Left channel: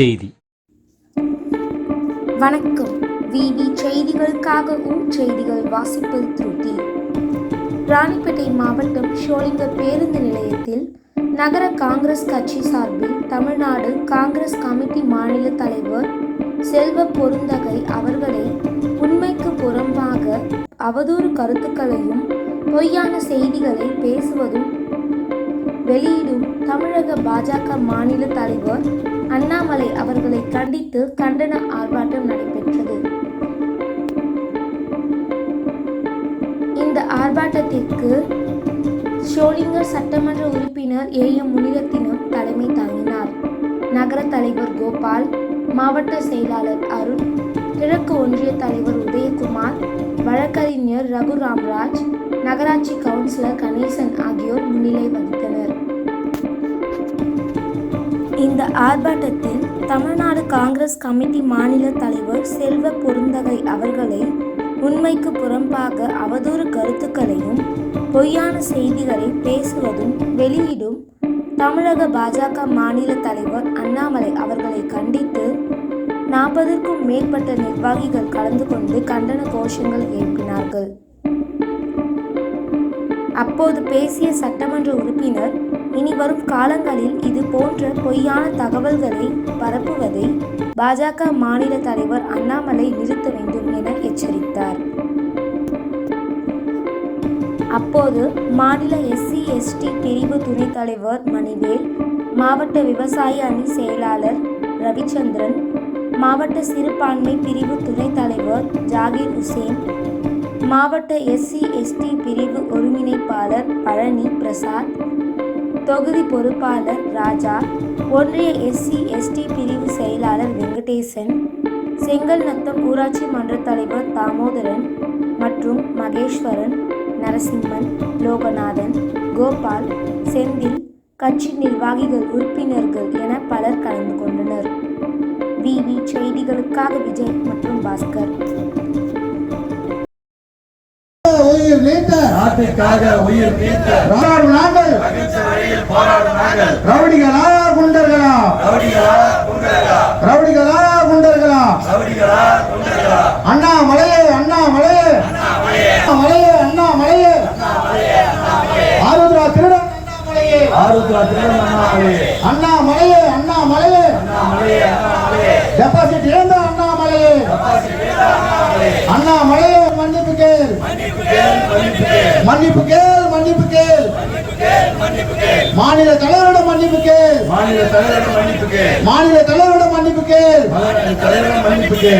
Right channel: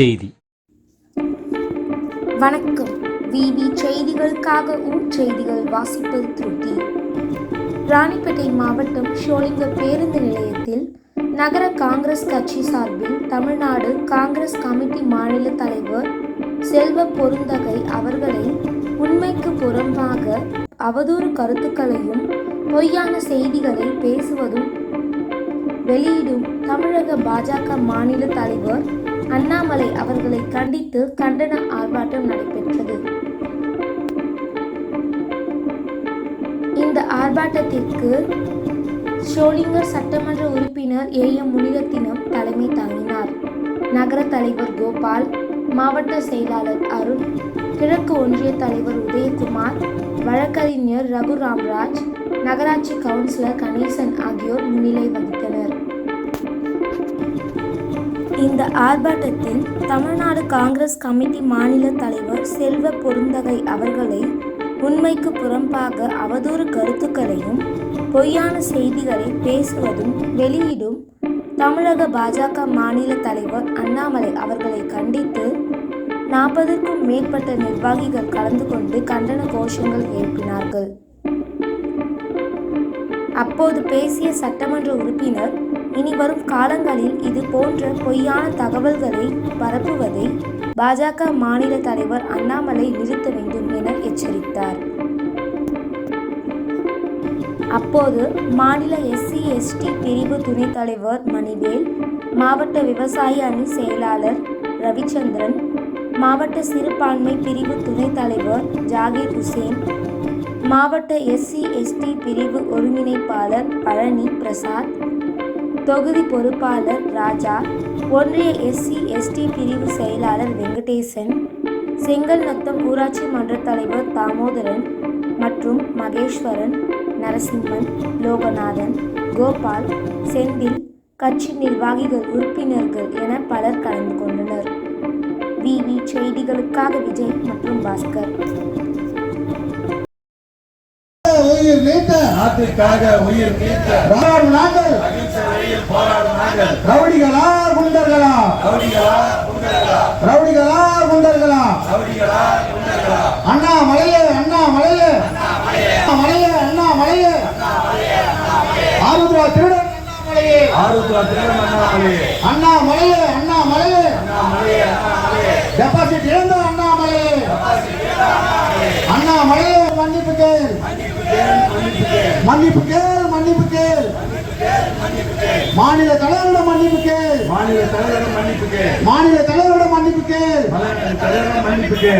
செய்தி. வணக்கம். விவி செய்திகளுக்காக ஊர் செய்திகள் வாசிப்பது திருதி ராணிப்பேட்டை மாவட்டம் ஷோலிங்க பேருந்து நிலையத்தில் நகர காங்கிரஸ் கட்சி சார்பில் தமிழ்நாடு காங்கிரஸ் கமிட்டி மாநில தலைவர் செல்வ பொருந்தகை அவர்களை உண்மைக்கு புறம்பாக அவதூறு கருத்துக்களையும் பொய்யான செய்திகளை பேசுவதும் வெளியிடும் தமிழக பாஜக மாநில தலைவர் அண்ணாமலை அவர்களை கண்டித்து கண்டன ஆர்ப்பாட்டம் நடைபெற்றது. இந்த ஆர்ப்பாட்டத்திற்கு ஷோலிங்கர் சட்டமன்ற உறுப்பினர் ஏ. எம். முனிரத்தினம் தலைமை தாங்கினார். நகர தலைவர் கோபால் மாவட்ட செயலாளர் அருண் கிழக்கு ஒன்றிய தலைவர் உதயகுமார் வழக்கறிஞர் ரகு ராம்ராஜ் நகராட்சி கவுன்சிலர் கணேசன் ஆகியோர் முன்னிலை வகித்தனர். இந்த ஆர்ப்பாட்டத்தில் தமிழ்நாடு காங்கிரஸ் கமிட்டி மாநில தலைவர் செல்வ பொருந்தகை அவர்களை உண்மைக்கு புறம்பாக அவதூறு கருத்துக்களையும் பொய்யான செய்திகளை பேசுவதும் வெளியிடும் தமிழக பாஜக மாநில தலைவர் அண்ணாமலை அவர்களை கண்டித்து நாற்பதற்கும் மேற்பட்ட நிர்வாகிகள் கலந்து கொண்டு கண்டன கோஷங்கள் எழுப்பினார்கள். அப்போது பேசிய சட்டமன்ற உறுப்பினர் இனி வரும் காலங்களில் இது போன்ற பொய்யான தகவல்களை பரப்புவதை பாஜக மாநில தலைவர் அண்ணாமலை நிறுத்த வேண்டும் என எச்சரித்தார். அப்போது மாநில எஸ்சி எஸ்டி பிரிவு துணைத் தலைவர் மணிவேல் மாவட்ட விவசாய அணி செயலாளர் ரவிச்சந்திரன் மாவட்ட சிறுபான்மை பிரிவு துணைத் தலைவர் ஜாகிர் உசேன் மாவட்ட எஸ்சி எஸ்டி பிரிவு ஒருங்கிணைப்பாளர் பழனி பிரசாத் தொகுதி பொறுப்பாளர் ராஜா ஒன்றிய எஸ்சி எஸ்டி பிரிவு செயலாளர் வெங்கடேசன் செங்கல் நத்தம் ஊராட்சி மன்ற தலைவர் தாமோதரன் மற்றும் மகேஸ்வரன் நரசிம்மன் லோகநாதன் கோபால் செந்தில் கட்சி நிர்வாகிகள் உறுப்பினர்கள் என பலர் கலந்து கொண்டனர். விவி செய்திகளுக்காக விஜய் மற்றும் பாஸ்கர். நாட்டிற்காக உயிர் நீத்த நாங்கள் ரவுடிகளா குண்டர்களா? ரவுடிகளா குண்டர்களா? அண்ணா மலையே அண்ணா மலையே மலையே அண்ணா மலையே ஆருத்ரா திருடன் அண்ணா மலையே ஆருத்ரா திருவண்ணாமலை அண்ணா மலையே அண்ணா மலையே அண்ணாமலையே அண்ணாமலையே டெபாசிட் இழந்த அண்ணா மலையே அண்ணா மலையே மன்னிப்பு கேள். மன்னிப்பு கேள் மன்னிப்பு கேள். மாநில தலைவரிடம் மன்னிப்பு கேள். மாநில தலைவர்கள் மன்னிப்புக்கு மாநில தலைவரிடம் மன்னிப்பு கேள். தலைவர்கள் மன்னிப்புக்கு